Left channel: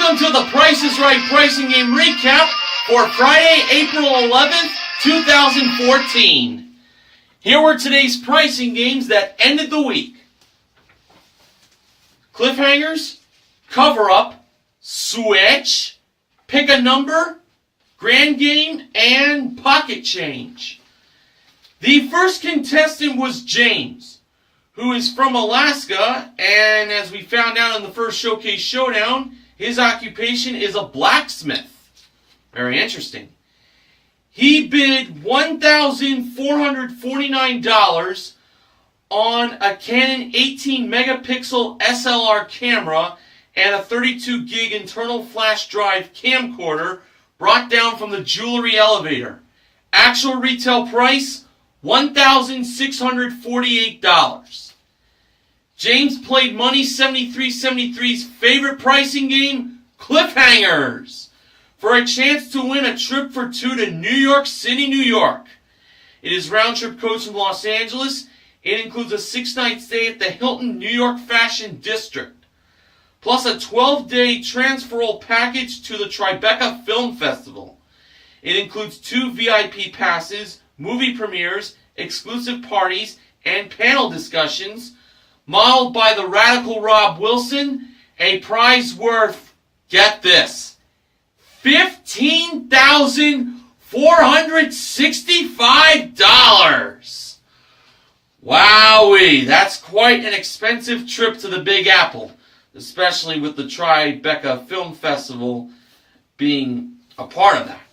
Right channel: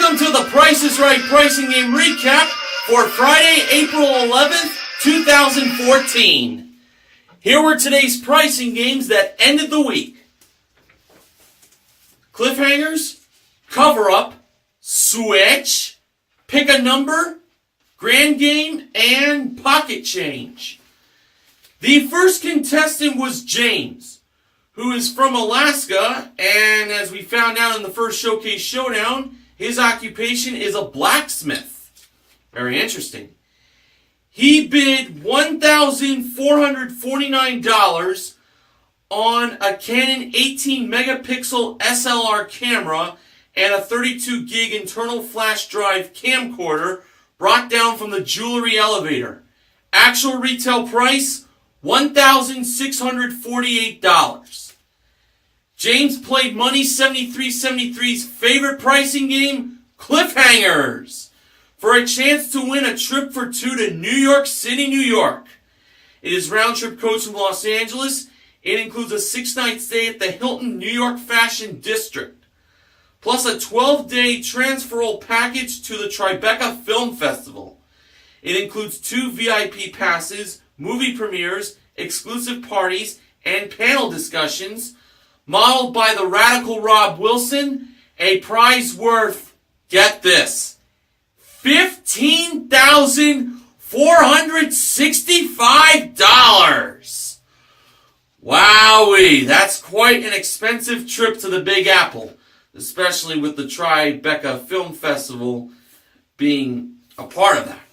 Welcome to the Price is Right Pricing Game Recap for Friday, April 11th, 2014. Here were today's pricing games that ended the week. Cliffhangers, Cover-Up, Switch, Pick a Number, Grand Game, and Pocket Change. The first contestant was James, who is from Alaska, and as we found out in the first Showcase Showdown, his occupation is a blacksmith. Very interesting. He bid $1,449 on a Canon 18 megapixel SLR camera and a 32 gig internal flash drive camcorder brought down from the jewelry elevator. Actual retail price, $1,648. James played Money 7373's favorite pricing game, Cliffhangers, for a chance to win a trip for two to New York City, New York. It is round-trip coach from Los Angeles. It includes a 6-night stay at the Hilton New York Fashion District, plus a 12-day transferal package to the Tribeca Film Festival. It includes 2 VIP passes, movie premieres, exclusive parties, and panel discussions, modeled by the radical Rob Wilson, a prize worth, get this, $15,465. Wowee, that's quite an expensive trip to the Big Apple, especially with the Tribeca Film Festival being a part of that.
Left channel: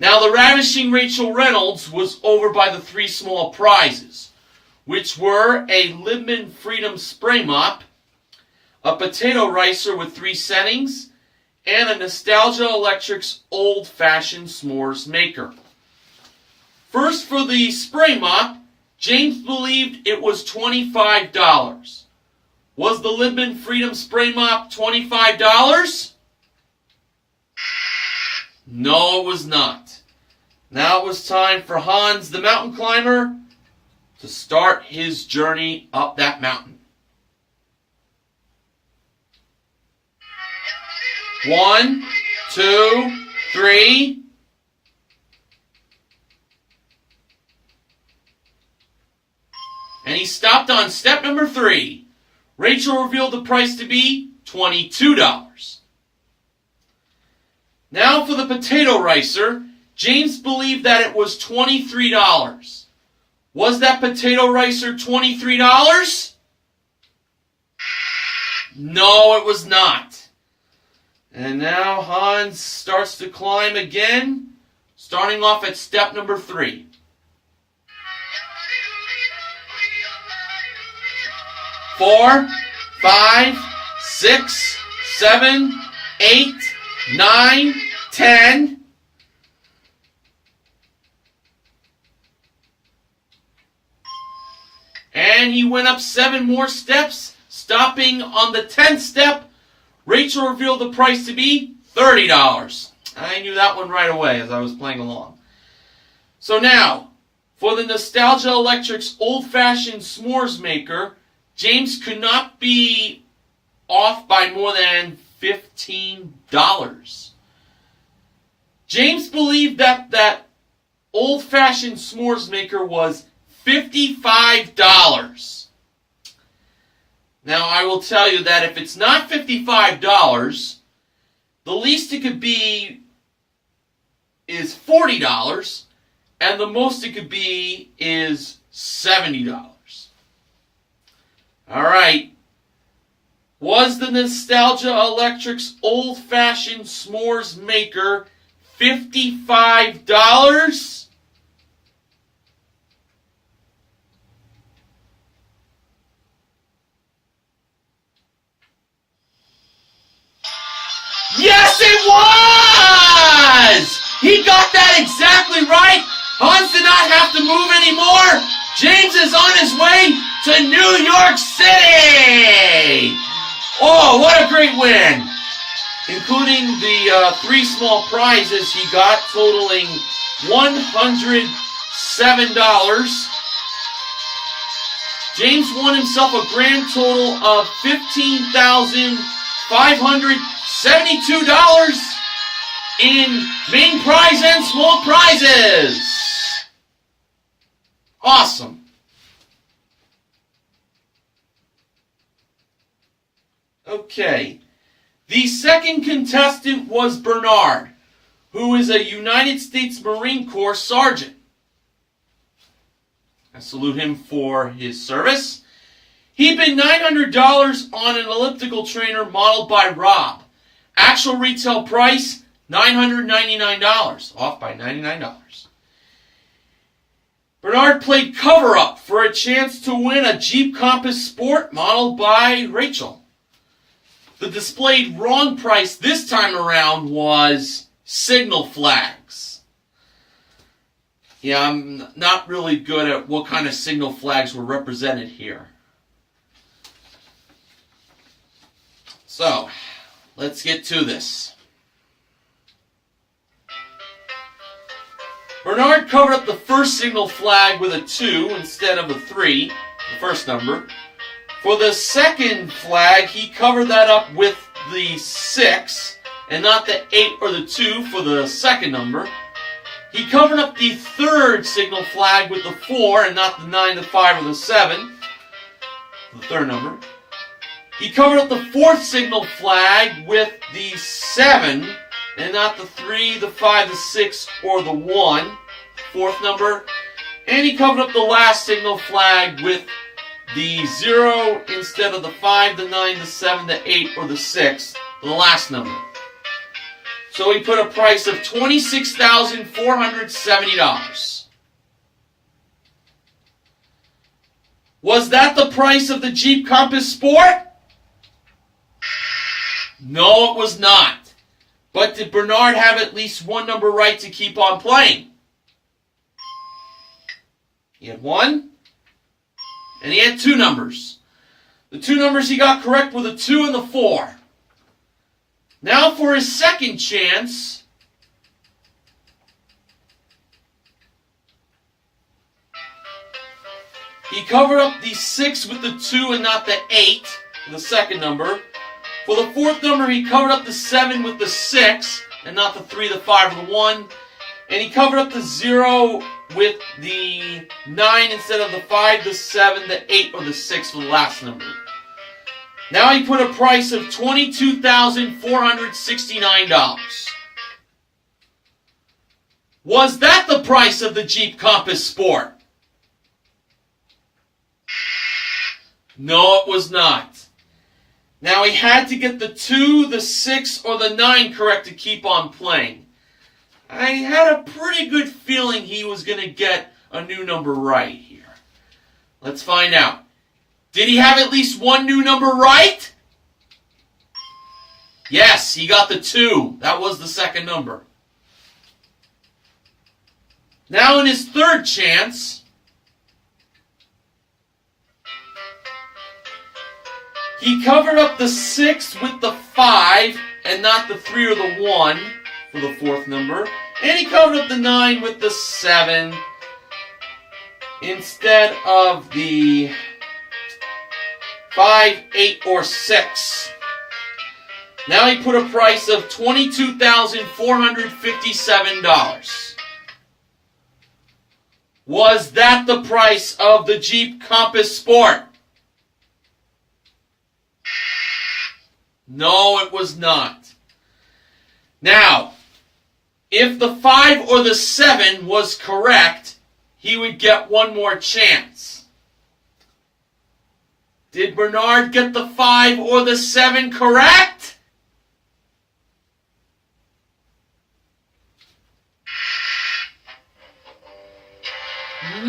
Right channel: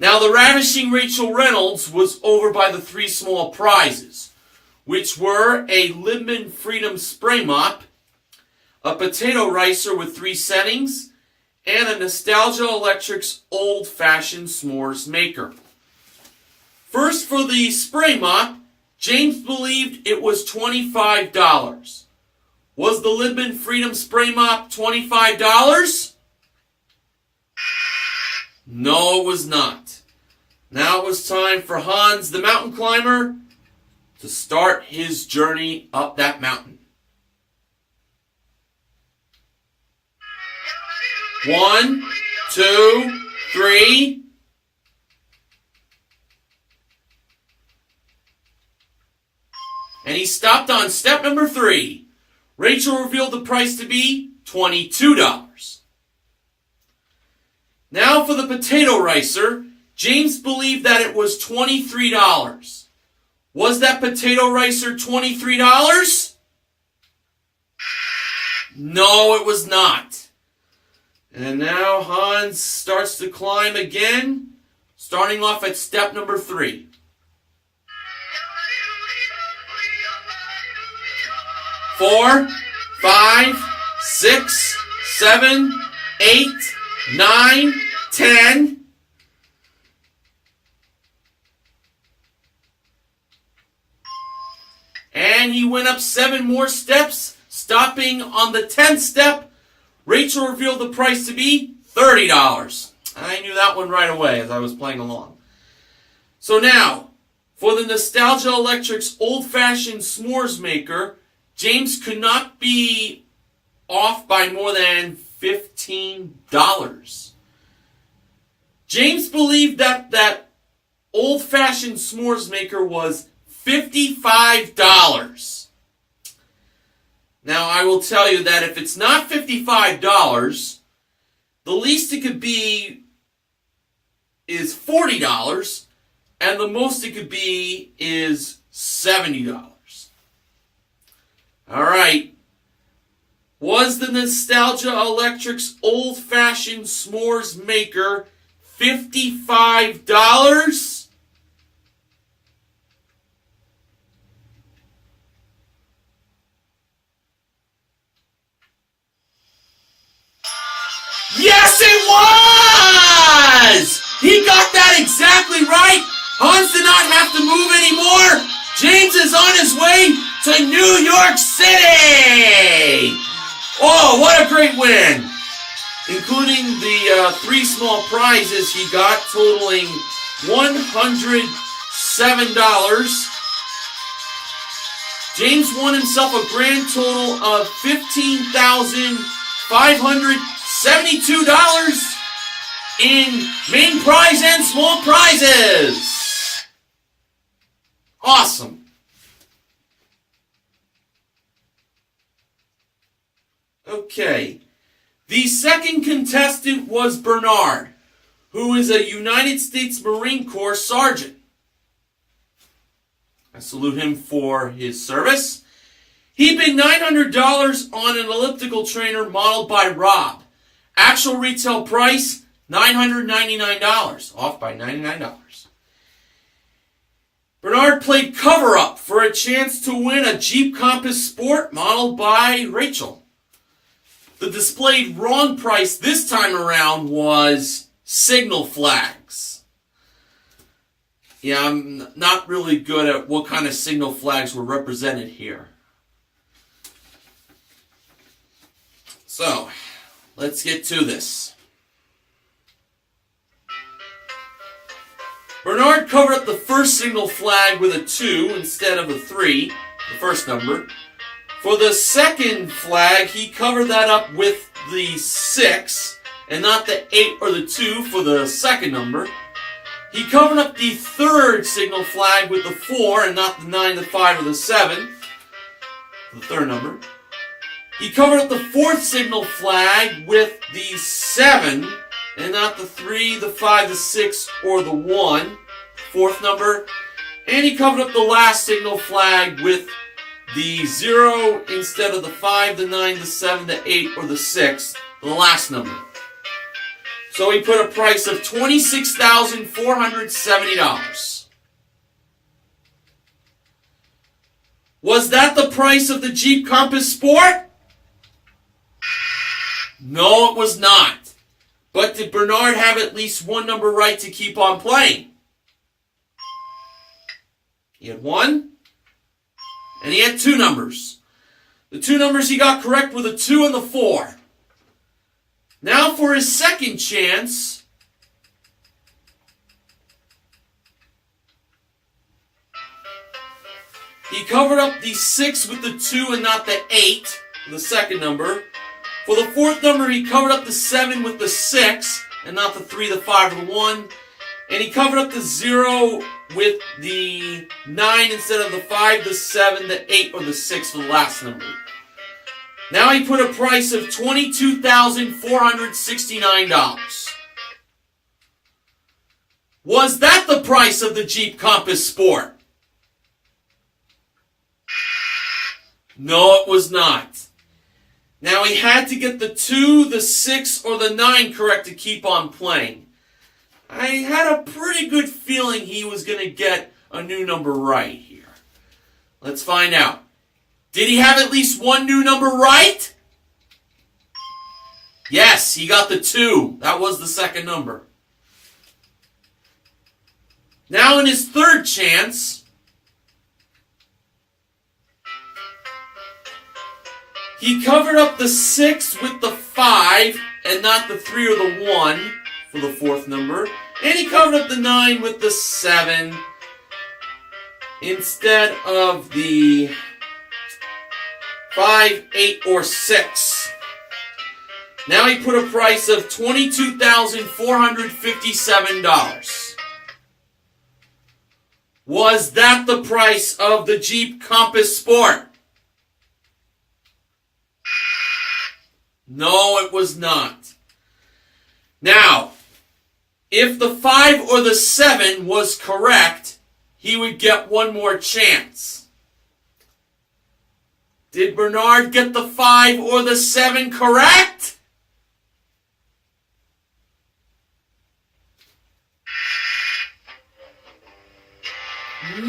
Now, the ravishing Rachel Reynolds was over by the 3 small prizes, which were a Libman Freedom Spray Mop, a potato ricer with 3 settings, and a Nostalgia Electrics old-fashioned s'mores maker. First, for the spray mop, James believed it was $25. Was the Libman Freedom Spray Mop $25? No, it was not. Now it was time for Hans the Mountain Climber to start his journey up that mountain. 1, 2, 3. And he stopped on step number 3. Rachel revealed the price to be $22. Now for the potato ricer, James believed that it was $23. Was that potato ricer $23? No, it was not. And now Hans starts to climb again, starting off at step number 3. 4, 5, 6, 7, 8, 9, 10. And he went up 7 more steps, stopping on the 10th step. Rachel revealed the price to be $30. I knew that one right away as I was playing along. So now, for the Nostalgia Electrics old-fashioned s'mores maker, James could not be off by more than $15. James believed that old-fashioned s'mores maker was $55. Now, I will tell you that if it's not $55, the least it could be is $40, and the most it could be is $70. All right. Was the Nostalgia Electrics old-fashioned s'mores maker $55? Yes, it was! He got that exactly right. Hans did not have to move anymore. James is on his way to New York City. Oh, what a great win. Including the 3 small prizes he got, totaling $107. James won himself a grand total of $15,555. $72 in main prize and small prizes. Awesome. Okay. The second contestant was Bernard, who is a United States Marine Corps sergeant. I salute him for his service. He bid $900 on an elliptical trainer modeled by Rob. Actual retail price, $999, off by $99. Bernard played cover-up for a chance to win a Jeep Compass Sport modeled by Rachel. The displayed wrong price this time around was signal flags. Yeah, I'm not really good at what kind of signal flags were represented here. So, let's get to this. Bernard covered up the first signal flag with a 2 instead of a 3, the first number. For the second flag, he covered that up with the 6, and not the 8 or the 2 for the second number. He covered up the third signal flag with the 4, and not the 9, the 5, or the 7, the third number. He covered up the fourth signal flag with the 7, and not the 3, the 5, the 6, or the 1, fourth number. And he covered up the last signal flag with the 0 instead of the 5, the 9, the 7, the 8, or the 6, the last number. So he put a price of $26,470. Was that the price of the Jeep Compass Sport? No, it was not. But did Bernard have at least one number right to keep on playing? He had 1, and he had 2 numbers. The 2 numbers he got correct were the 2 and the 4. Now for his second chance, he covered up the 6 with the 2 and not the 8, the second number. For the fourth number, he covered up the 7 with the 6, and not the 3, the 5, or the 1. And he covered up the 0 with the 9 instead of the 5, the 7, the 8, or the 6 for the last number. Now he put a price of $22,469. Was that the price of the Jeep Compass Sport? No, it was not. Now he had to get the 2, the 6, or the 9 correct to keep on playing. I had a pretty good feeling he was going to get a new number right here. Let's find out. Did he have at least one new number right? Yes, he got the 2. That was the second number. Now in his third chance, he covered up the 6 with the 5 and not the 3 or the 1 for the fourth number. And he covered up the 9 with the 7 instead of the 5, 8, or 6. Now he put a price of $22,457. Was that the price of the Jeep Compass Sport? No, it was not. Now, if the 5 or the 7 was correct, he would get one more chance. Did Bernard get the 5 or the 7 correct?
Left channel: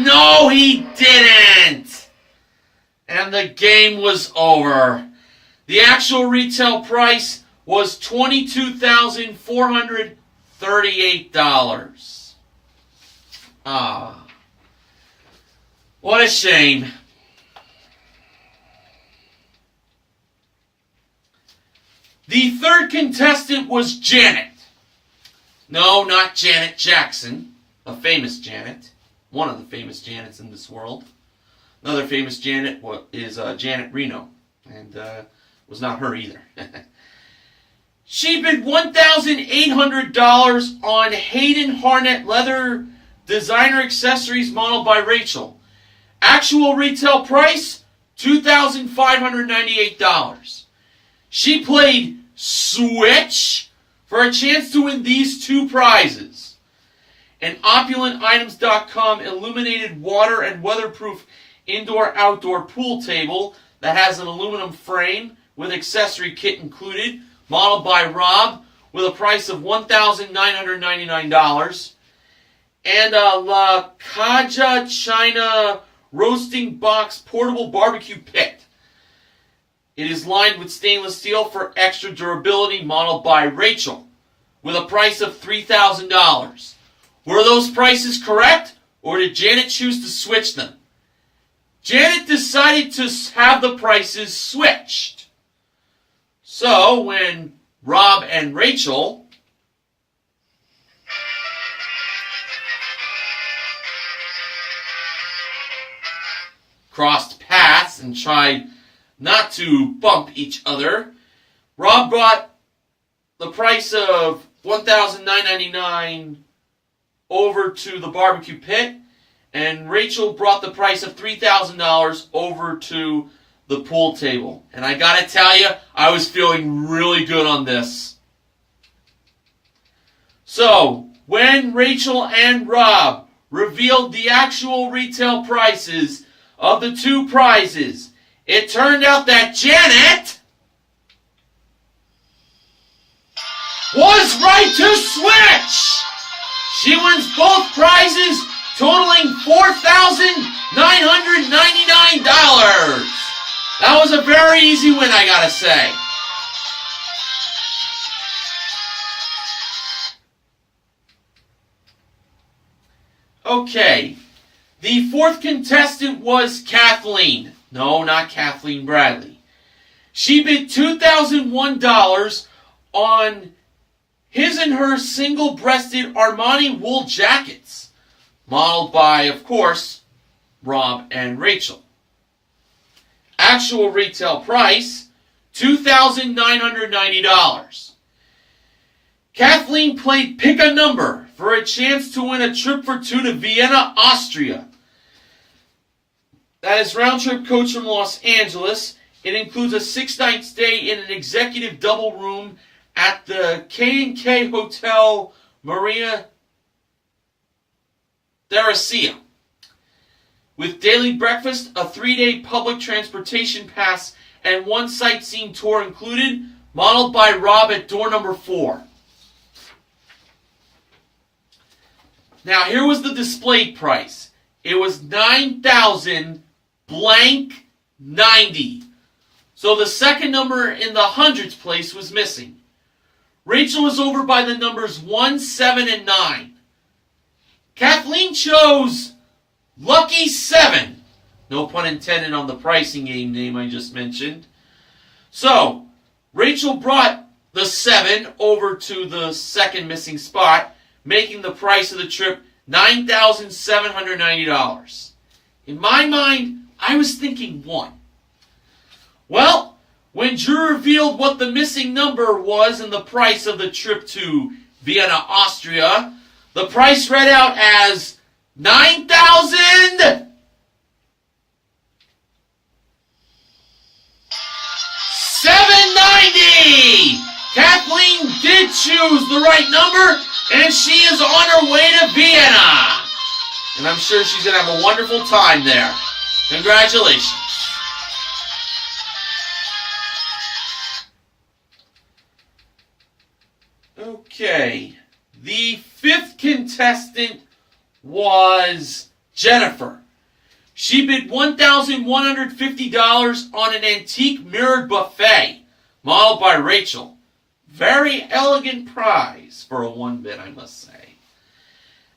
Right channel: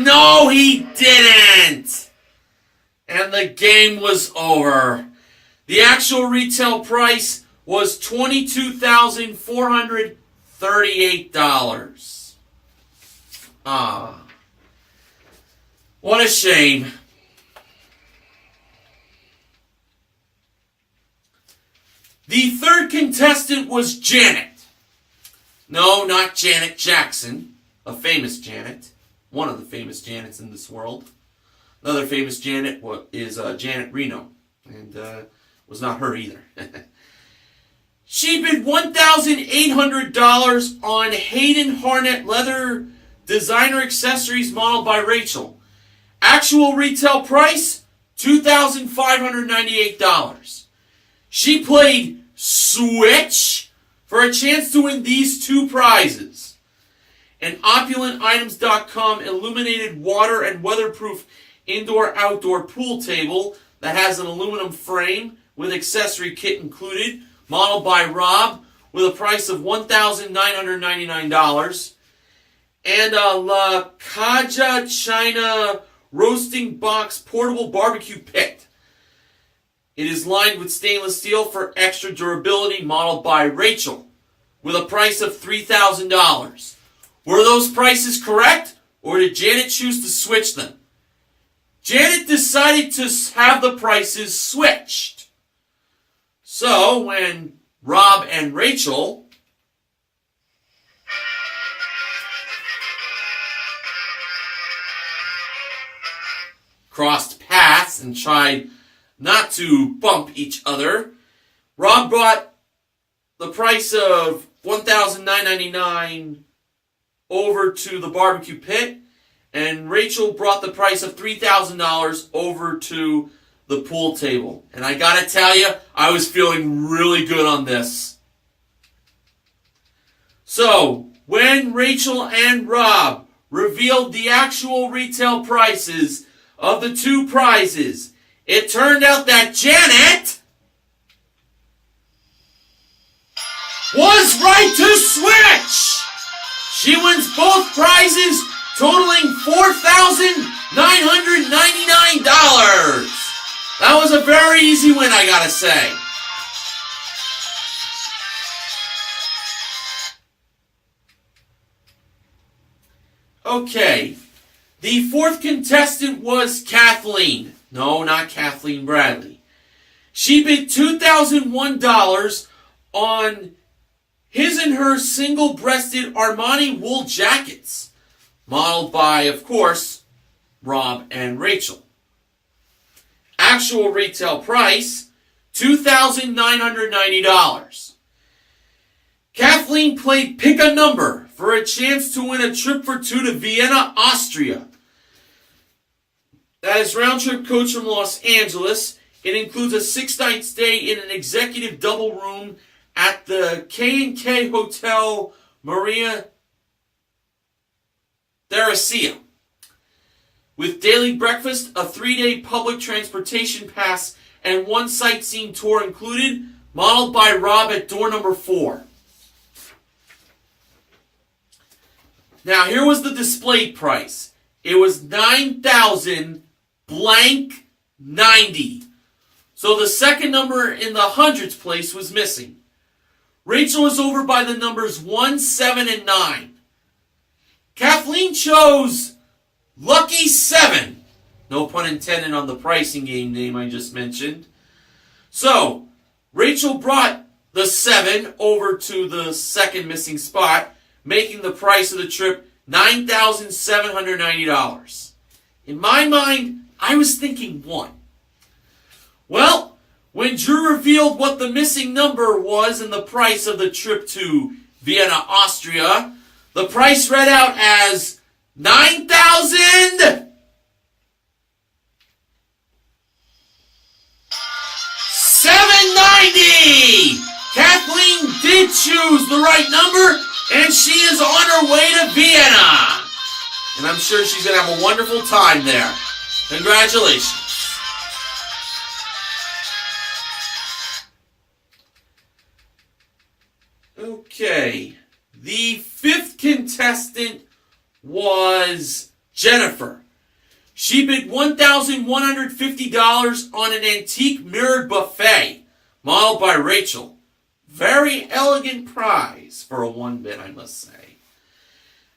No, he didn't! And the game was over. The actual retail price was $22,438. Ah, what a shame. The third contestant was Janet. No, not Janet Jackson, a famous Janet. One of the famous Janets in this world. Another famous Janet is Janet Reno, and was not her either. She bid $1,800 on Hayden Harnett leather designer accessories modeled by Rachel. Actual retail price, $2,598. She played Switch for a chance to win these two prizes. An OpulentItems.com illuminated water and weatherproof indoor-outdoor pool table that has an aluminum frame with accessory kit included, modeled by Rob, with a price of $1,999. And a La Caja China roasting box portable barbecue pit. It is lined with stainless steel for extra durability, modeled by Rachel, with a price of $3,000. Were those prices correct, or did Janet choose to switch them? Janet decided to have the prices switched. So, when Rob and Rachel crossed paths and tried not to bump each other, Rob brought the price of $1,999 over to the barbecue pit, and Rachel brought the price of $3,000 over to the pool table. And I gotta tell you, I was feeling really good on this. So, when Rachel and Rob revealed the actual retail prices of the two prizes, it turned out that Janet was right to switch! She wins both prizes, totaling $4,999. That was a very easy win, I gotta say. Okay, the fourth contestant was Kathleen. No, not Kathleen Bradley. She bid $2,001 on his and her single-breasted Armani wool jackets, modeled by, of course, Rob and Rachel. Actual retail price, $2,990. Kathleen played Pick a Number for a chance to win a trip for two to Vienna, Austria. That is round-trip coach from Los Angeles. It includes a 6-night stay in an executive double room at the K&K Hotel Maria Theresia, with daily breakfast, a 3-day public transportation pass, and one sightseeing tour included, modeled by Rob at door number 4. Now, here was the displayed price. It was $9,090. So the second number in the hundreds place was missing. Rachel was over by the numbers 1, 7, and 9. Kathleen chose Lucky 7. No pun intended on the pricing game name I just mentioned. So, Rachel brought the 7 over to the second missing spot, making the price of the trip $9,790. In my mind, I was thinking 1. Well, when Drew revealed what the missing number was and the price of the trip to Vienna, Austria, the price read out as $9,790. Kathleen did choose the right number, and she is on her way to Vienna. And I'm sure she's going to have a wonderful time there. Congratulations. Okay. The fifth contestant was Jennifer. She bid $1,150 on an antique mirrored buffet, modeled by Rachel. Very elegant prize for a 1 bid, I must say.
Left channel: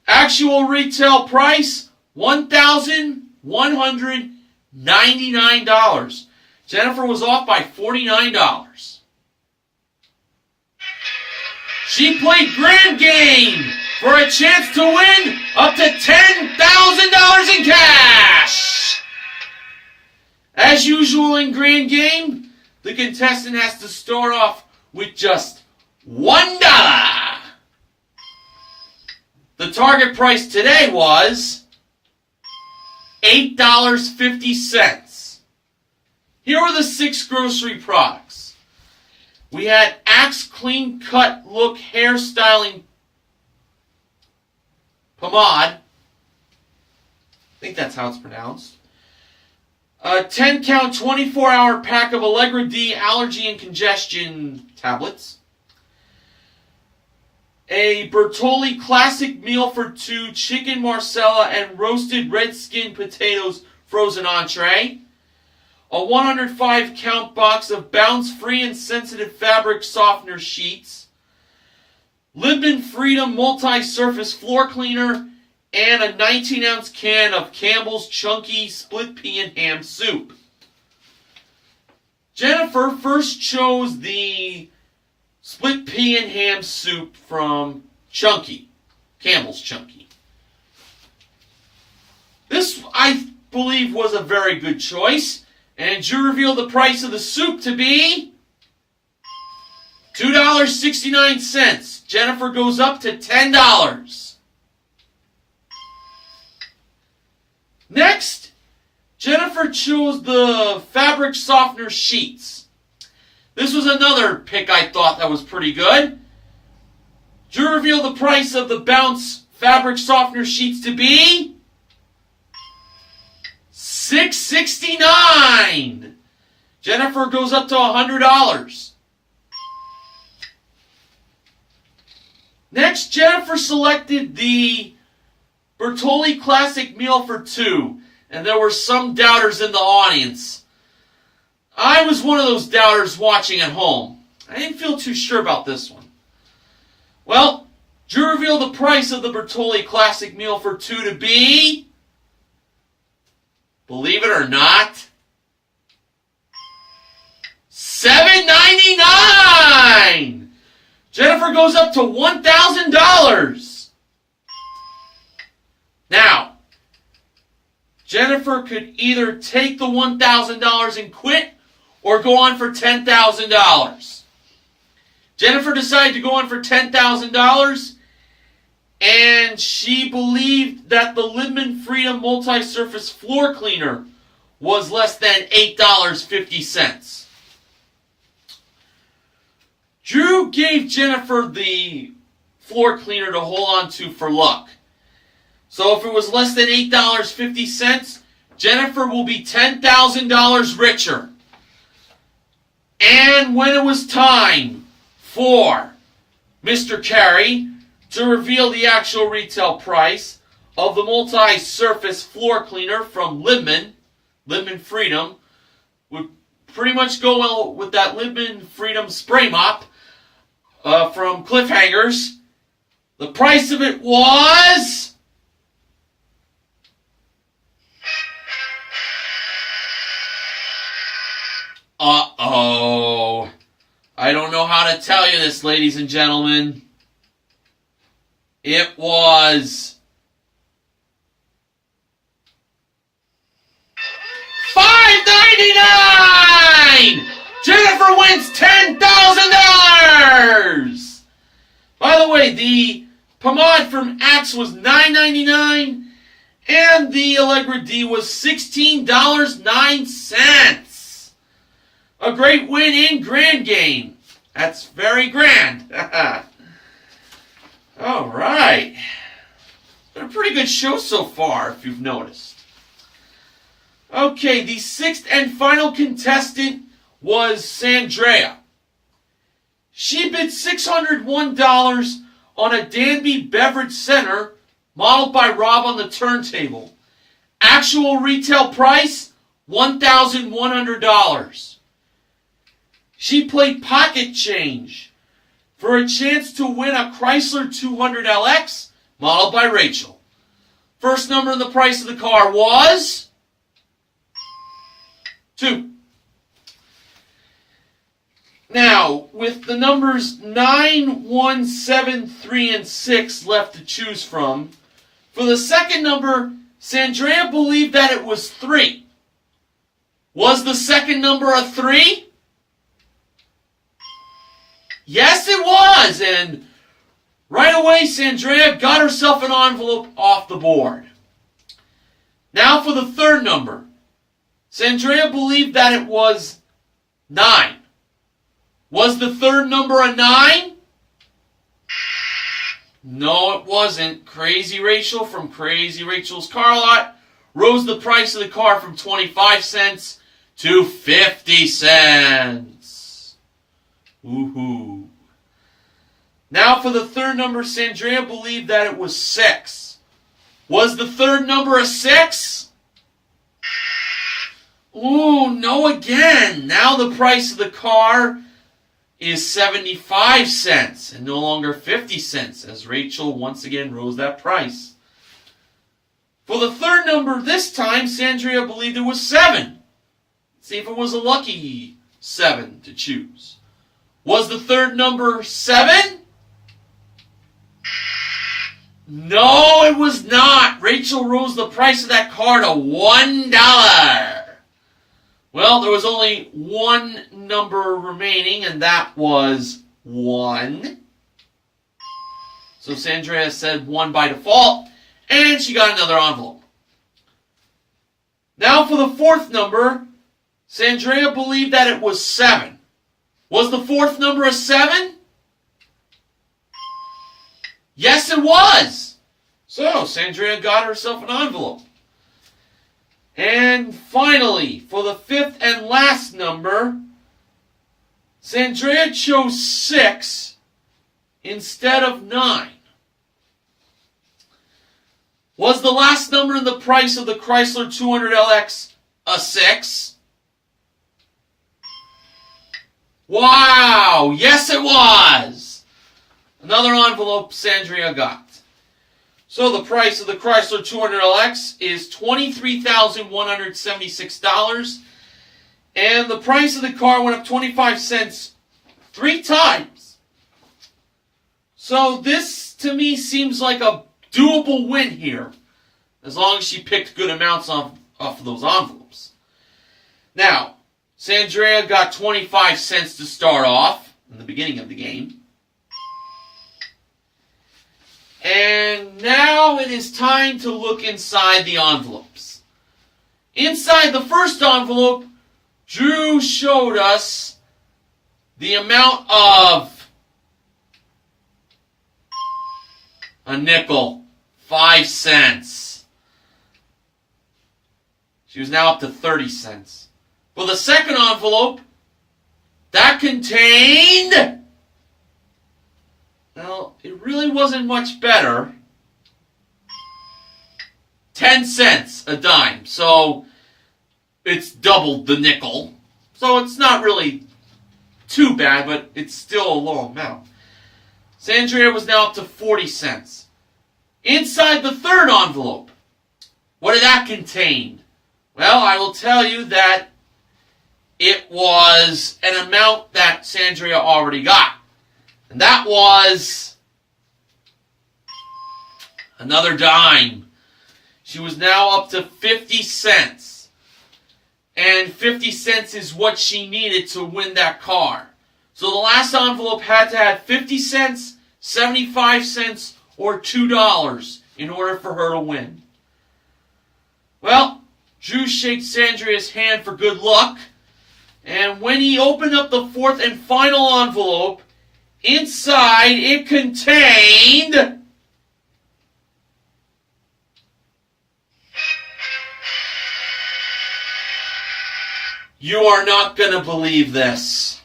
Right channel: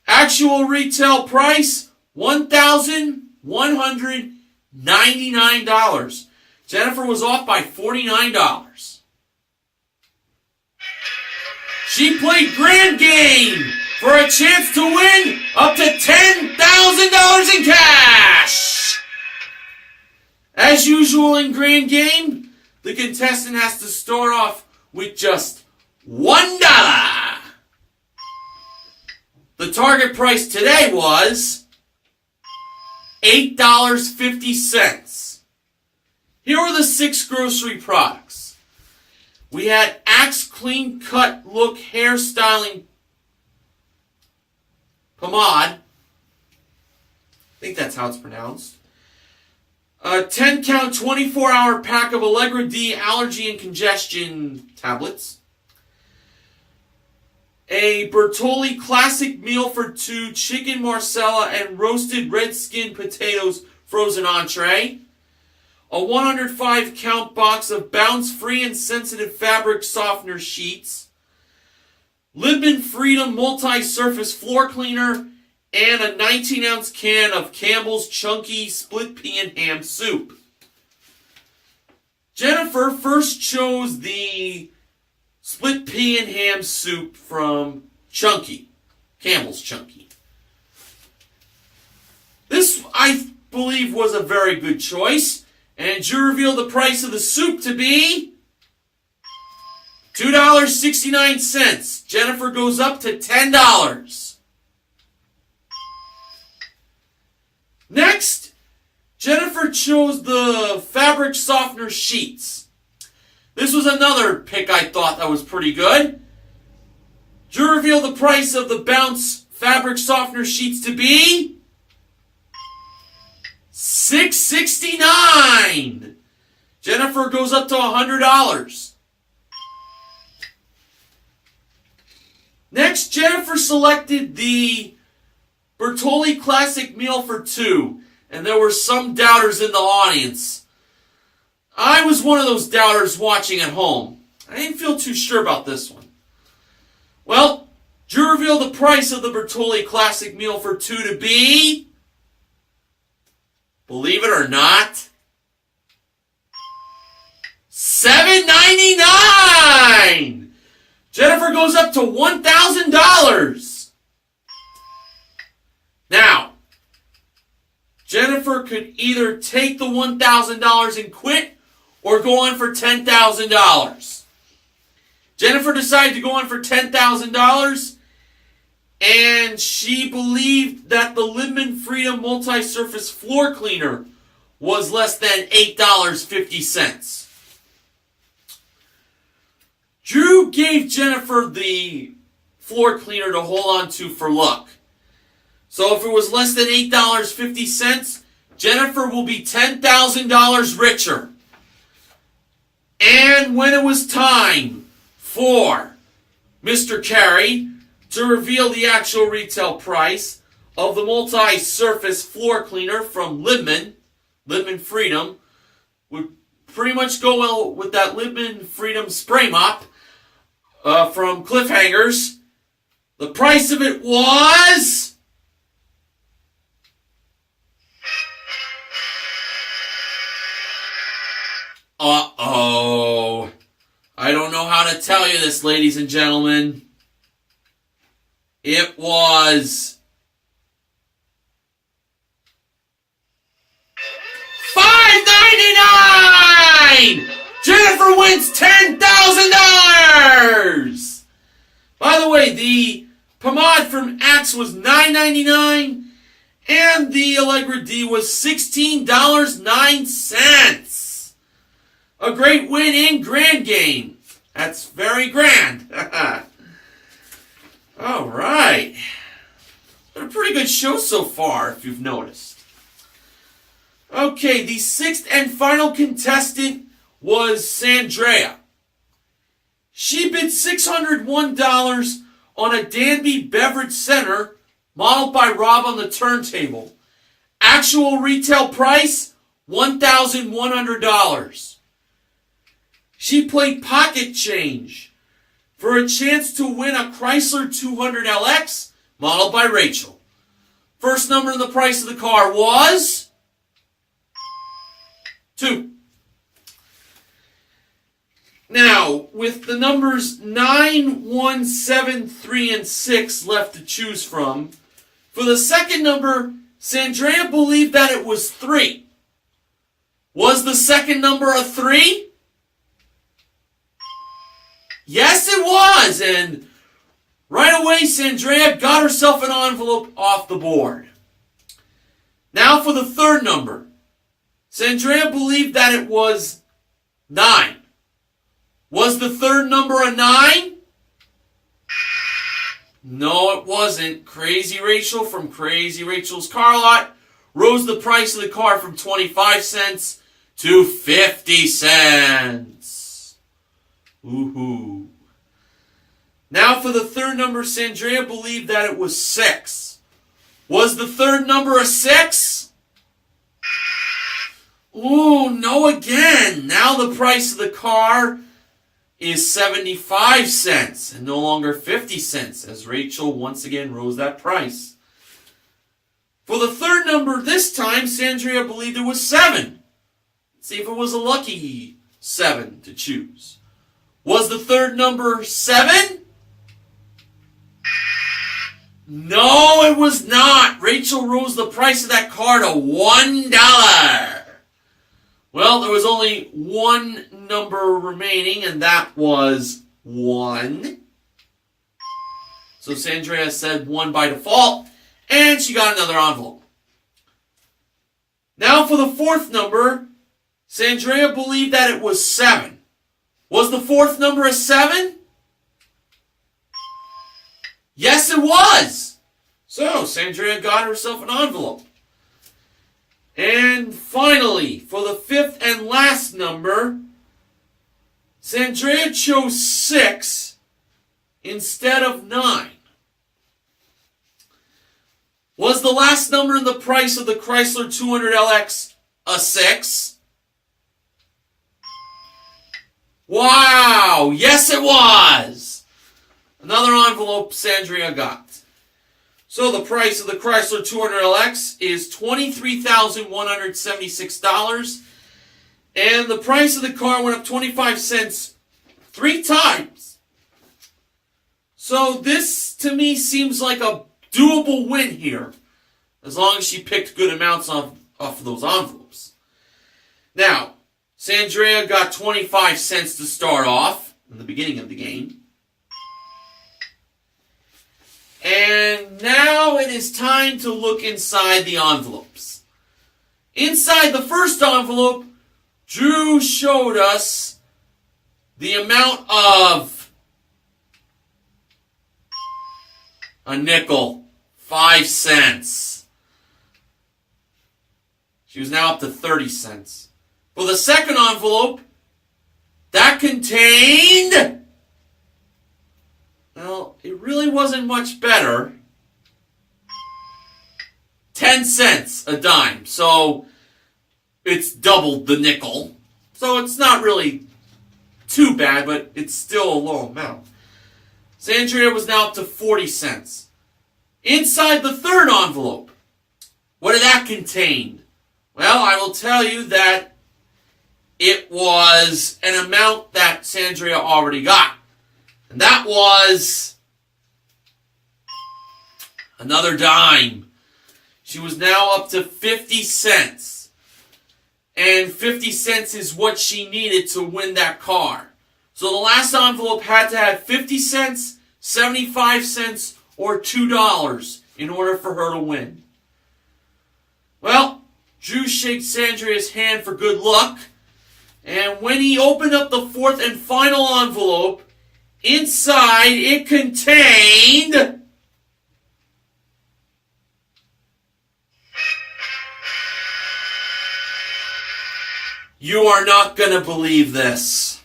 Actual retail price, $1,199. Jennifer was off by $49. She played Grand Game for a chance to win up to $10,000 in cash. As usual in Grand Game, the contestant has to start off with just $1. The target price today was $8.50. Here are the 6 grocery products. We had Axe Clean Cut Look Hairstyling Pomade. I think that's how it's pronounced. A 10-count, 24-hour pack of Allegra D allergy and congestion tablets. A Bertolli Classic Meal for 2 chicken marsala and roasted red skin potatoes frozen entree. A 105-count box of bounce-free and sensitive fabric softener sheets. Libman Freedom multi-surface floor cleaner. And a 19-ounce can of Campbell's Chunky Split Pea and Ham Soup. Jennifer first chose the Split Pea and Ham Soup from Chunky, Campbell's Chunky. This, I believe, was a very good choice. And you reveal the price of the soup to be $2.69. Jennifer goes up to $10. Next, Jennifer chose the fabric softener sheets. This was another pick I thought that was pretty good. Drew revealed the price of the Bounce fabric softener sheets to be $6.69. Jennifer goes up to $100. Next, Jennifer selected the Bertolli Classic Meal for 2, and there were some doubters in the audience. I was one of those doubters watching at home. I didn't feel too sure about this one. Well, Drew revealed the price of the Bertolli Classic Meal for 2 to be, believe it or not, $7.99. Jennifer goes up to $1,000. Now, Jennifer could either take the $1,000 and quit or go on for $10,000. Jennifer decided to go on for $10,000, and she believed that the Libman Freedom Multi-Surface Floor Cleaner was less than $8.50. Drew gave Jennifer the floor cleaner to hold on to for luck. So if it was less than $8.50, Jennifer will be $10,000 richer. And when it was time for Mr. Carey to reveal the actual retail price of the multi-surface floor cleaner from Libman Freedom, would pretty much go well with that Libman Freedom spray mop from Cliffhangers. The price of it was uh-oh. I don't know how to tell you this, ladies and gentlemen. It was $5.99! Jennifer wins $10,000! By the way, the pomade from Axe was $9.99, and the Allegra D was $16.09. A great win in grand game. That's very grand. All right. Been a pretty good show so far, if you've noticed. Okay, the 6th and final contestant was Sandrea. She bid $601 on a Danby Beverage Center modeled by Rob on the turntable. Actual retail price, $1,100. She played pocket change for a chance to win a Chrysler 200LX modeled by Rachel. First number in the price of the car was 2. Now, with the numbers 9, 1, 7, 3, and 6 left to choose from, for the second number, Sandrea believed that it was 3. Was the second number a 3? Yes, it was. And right away, Sandrea got herself an envelope off the board. Now for the third number. Sandrea believed that it was 9. Was the third number a 9? No, it wasn't. Crazy Rachel from Crazy Rachel's Car Lot rose the price of the car from 25 cents to 50 cents. Woohoo. Now for the third number, Sandrea believed that it was 6. Was the third number a 6? Ooh, no again. Now the price of the car is 75 cents and no longer 50 cents as Rachel once again rose that price. For the third number this time, Sandrea believed it was 7. Let's see if it was a lucky 7 to choose. Was the third number 7? No, it was not. Rachel rose the price of that car to $1. Well, there was only one number remaining, and that was 1. So Sandrea said 1 by default, and she got another envelope. Now for the fourth number, Sandrea believed that it was 7. Was the fourth number a 7? Yes, it was. So Sandrea got herself an envelope. And finally, for the fifth and last number, Sandrea chose 6 instead of 9. Was the last number in the price of the Chrysler 200LX a 6? Wow! Yes, it was! Another envelope Sandrea got. So the price of the Chrysler 200LX is $23,176. And the price of the car went up 25 cents 3 times. So this, to me, seems like a doable win here. As long as she picked good amounts off of those envelopes. Now, Sandrea got 25 cents to start off in the beginning of the game. And now it is time to look inside the envelopes. Inside the first envelope, Drew showed us the amount of a nickel, 5 cents. She was now up to 30 cents. For the second envelope, that contained... Well, it really wasn't much better. 10 cents a dime. So, it's doubled the nickel. So, it's not really too bad, but it's still a low amount. Sandrea was now up to 40 cents. Inside the third envelope, what did that contain? Well, I will tell you that it was an amount that Sandrea already got. And that was another dime. She was now up to 50 cents. And 50 cents is what she needed to win that car. So the last envelope had to have 50 cents, 75 cents, or $2 in order for her to win. Well, Drew shakes Sandrea's hand for good luck. And when he opened up the fourth and final envelope, inside, it contained... You are not going to believe this.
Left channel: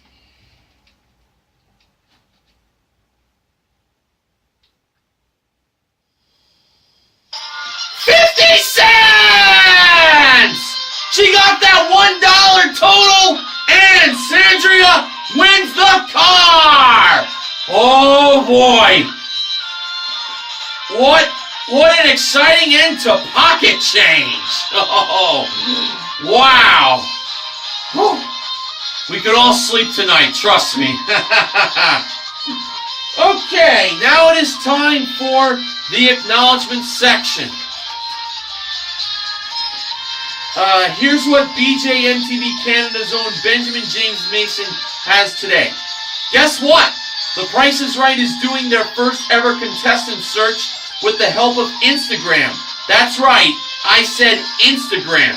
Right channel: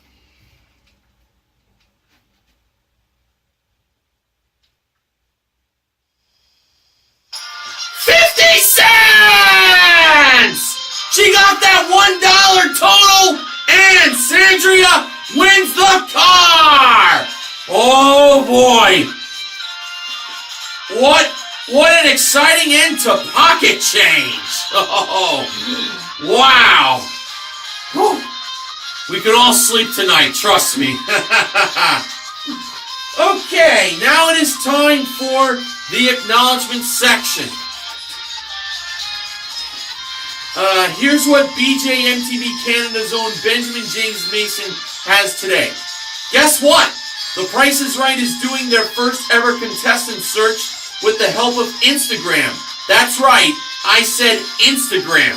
$50! She got that $1 total, and Sandrea wins the car! Oh boy! What an exciting end to pocket change! Oh, wow! Whew. We could all sleep tonight, trust me. Okay, now it is time for the acknowledgement section. Here's what BJMTV Canada's own Benjamin James Mason has today. Guess what? The Price is Right is doing their first ever contestant search with the help of Instagram. That's right, I said Instagram.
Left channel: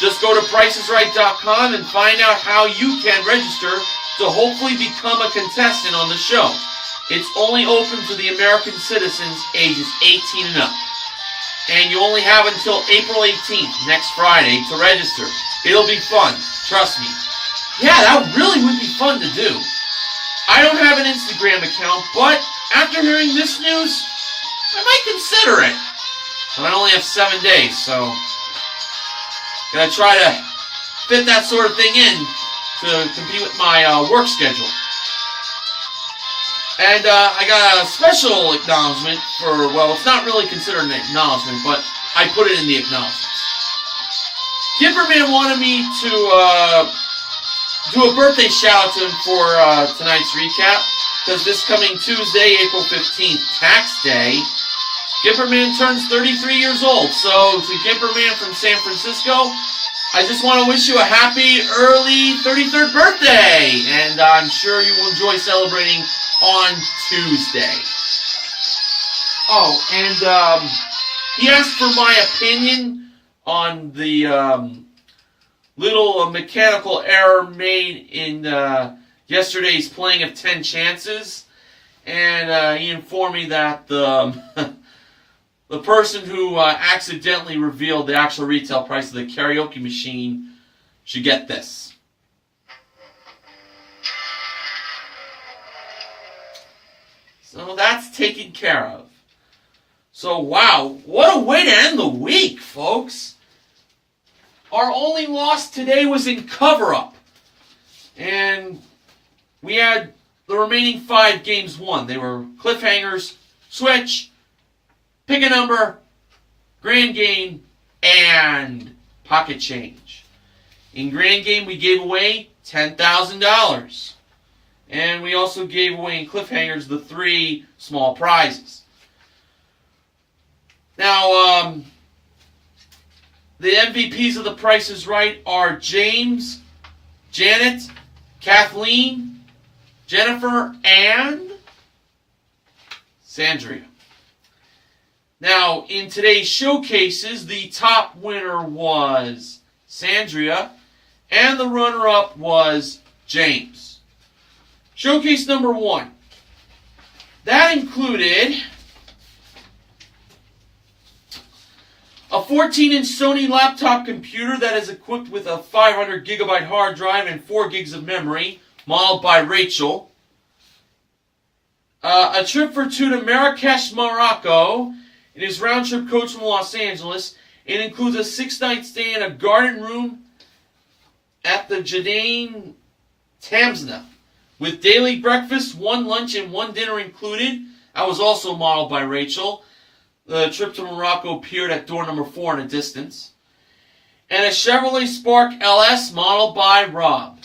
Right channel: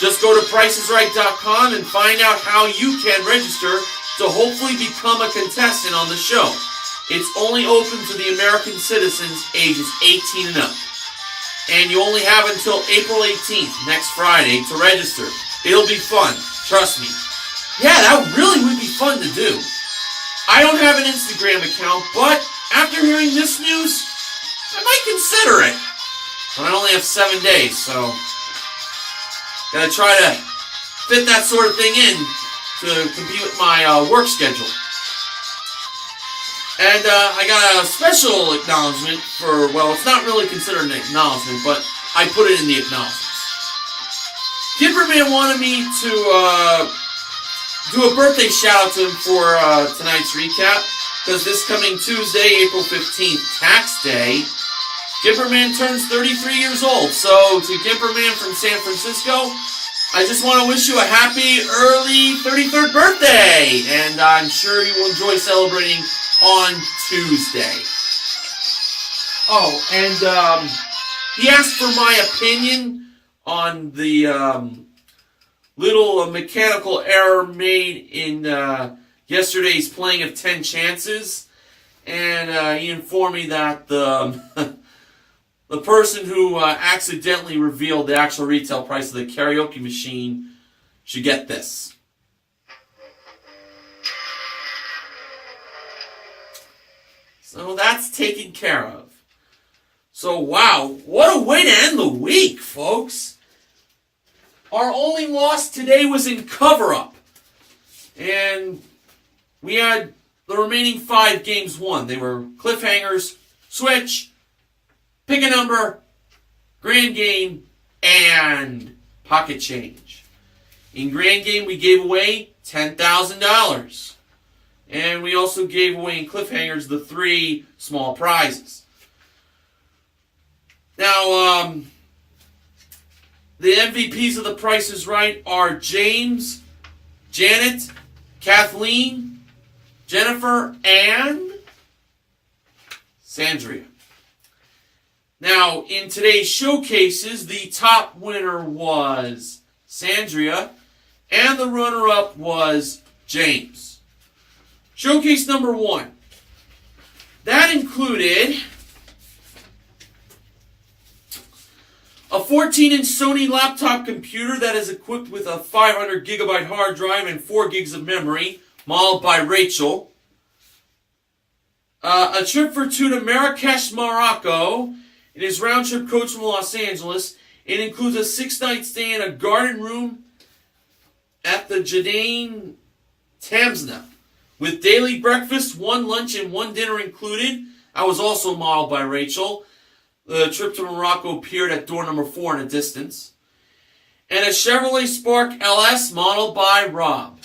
Just go to PricesRight.com and find out how you can register to hopefully become a contestant on the show. It's only open to the American citizens ages 18 and up. And you only have until April 18th, next Friday, to register. It'll be fun, trust me. Yeah, that really would be fun to do. I don't have an Instagram account, but after hearing this news, I might consider it. But I only have 7 days, so gotta try to fit that sort of thing in to compete with my work schedule. And I got a special acknowledgement for, well, it's not really considered an acknowledgement, but I put it in the acknowledgements. Gimperman wanted me to do a birthday shout-out to him for tonight's recap, because this coming Tuesday, April 15th, tax day, Gimperman turns 33 years old. So, to Gimperman from San Francisco, I just want to wish you a happy early 33rd birthday, and I'm sure you will enjoy celebrating on Tuesday. Oh, and he asked for my opinion on the little mechanical error made in yesterday's playing of 10 chances, and he informed me that the the person who accidentally revealed the actual retail price of the karaoke machine should get this. So that's taken care of. So wow, what a way to end the week, folks. Our only loss today was in cover-up. And we had the remaining 5 games won. They were cliffhangers, switch, pick a number, grand game, and pocket change. In grand game, we gave away $10,000. And we also gave away in cliffhangers the 3 small prizes. Now, the MVPs of The Price is Right are James, Janet, Kathleen, Jennifer, and Sandria. Now, in today's showcases, the top winner was Sandria, and the runner-up was James. Showcase number 1. That included a 14-inch Sony laptop computer that is equipped with a 500 gigabyte hard drive and 4 gigs of memory, modeled by Rachel. A trip for 2 to Marrakesh, Morocco. It is round-trip coach from Los Angeles. It includes a 6-night stay in a garden room at the Jardin Tamsna, with daily breakfast, 1 lunch, and 1 dinner included. That was also modeled by Rachel. The trip to Morocco appeared at door number 4 in a distance. And a Chevrolet Spark LS modeled by Rob.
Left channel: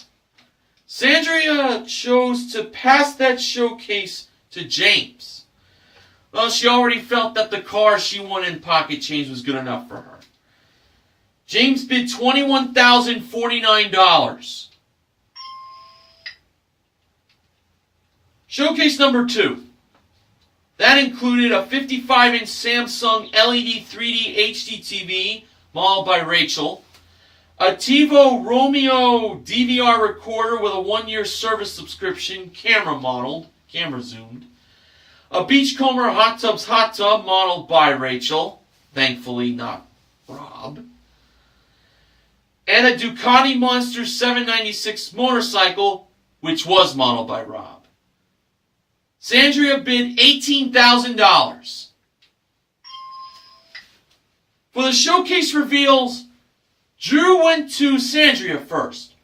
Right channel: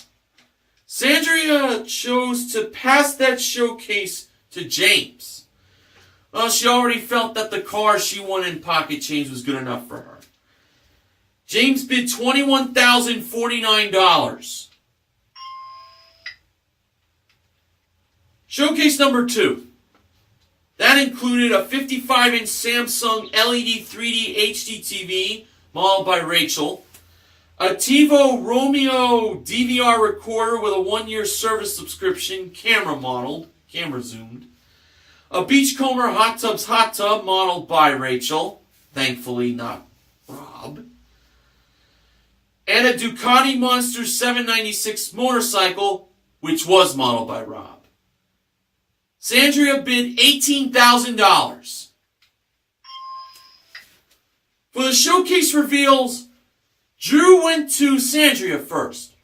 Sandria chose to pass that showcase to James. Well, she already felt that the car she won in pocket change was good enough for her. James bid $21,049. Showcase number 2. That included a 55-inch Samsung LED 3D HD TV, modeled by Rachel, a TiVo Romeo DVR recorder with a 1-year service subscription, camera zoomed, a Beachcomber Hot Tub modeled by Rachel, thankfully not Rob, and a Ducati Monster 796 motorcycle, which was modeled by Rob. Sandria bid $18,000. For the showcase reveals, Drew went to Sandria first.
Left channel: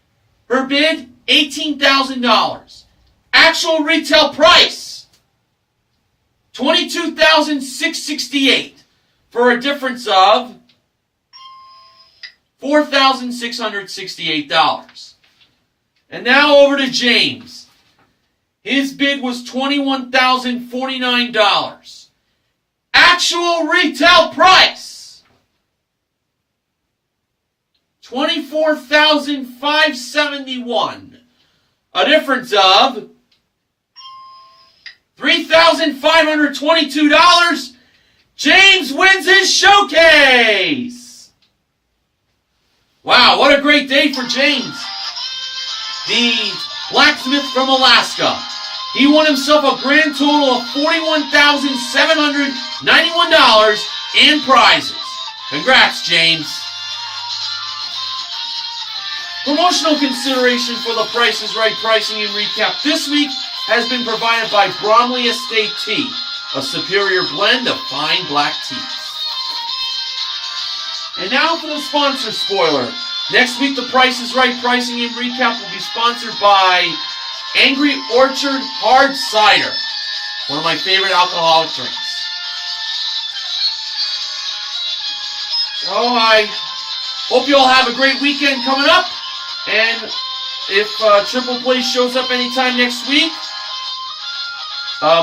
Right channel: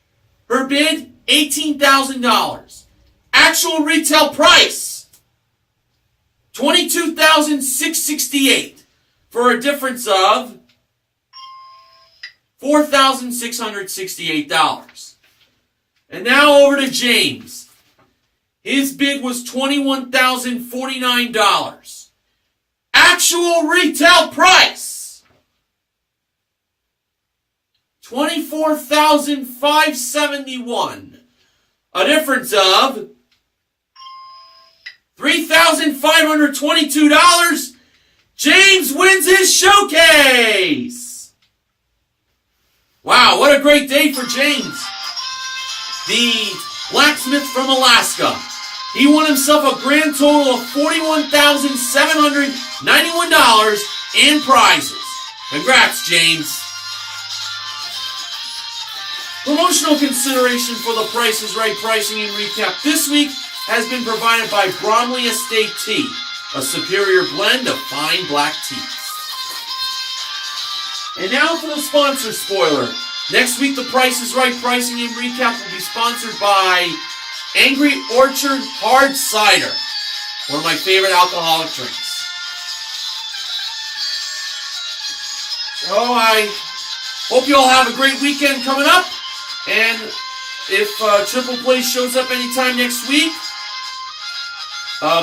Her bid, $18,000. Actual retail price, $22,668, for a difference of $4,668. And now over to James. His bid was $21,049. Actual retail price, $24,571. A difference of $3,522. James wins his showcase. Wow, what a great day for James. The blacksmith from Alaska. He won himself a grand total of $41,791 in prizes. Congrats, James. Promotional consideration for the Price is Right pricing and recap this week has been provided by Bromley Estate Tea, a superior blend of fine black teas. And now for the sponsor spoiler. Next week, the Price is Right pricing and recap will be sponsored by Angry Orchard Hard Cider, one of my favorite alcoholic drinks. So I hope you all have a great weekend coming up. And if Triple Play shows up anytime next week,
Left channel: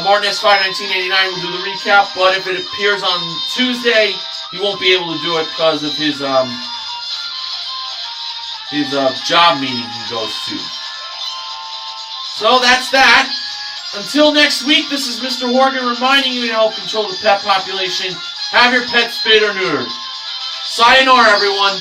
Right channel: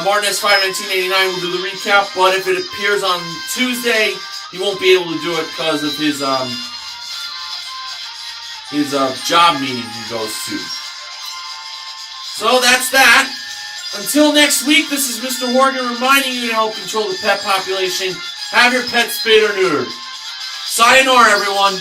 Martin S5 1989 will do the recap. But if it appears on Tuesday, he won't be able to do it because of his job meeting he goes to. So that's that. Until next week, this is Mr. Horgan reminding you to help control the pet population. Have your pets spayed or neutered. Sayonara, everyone.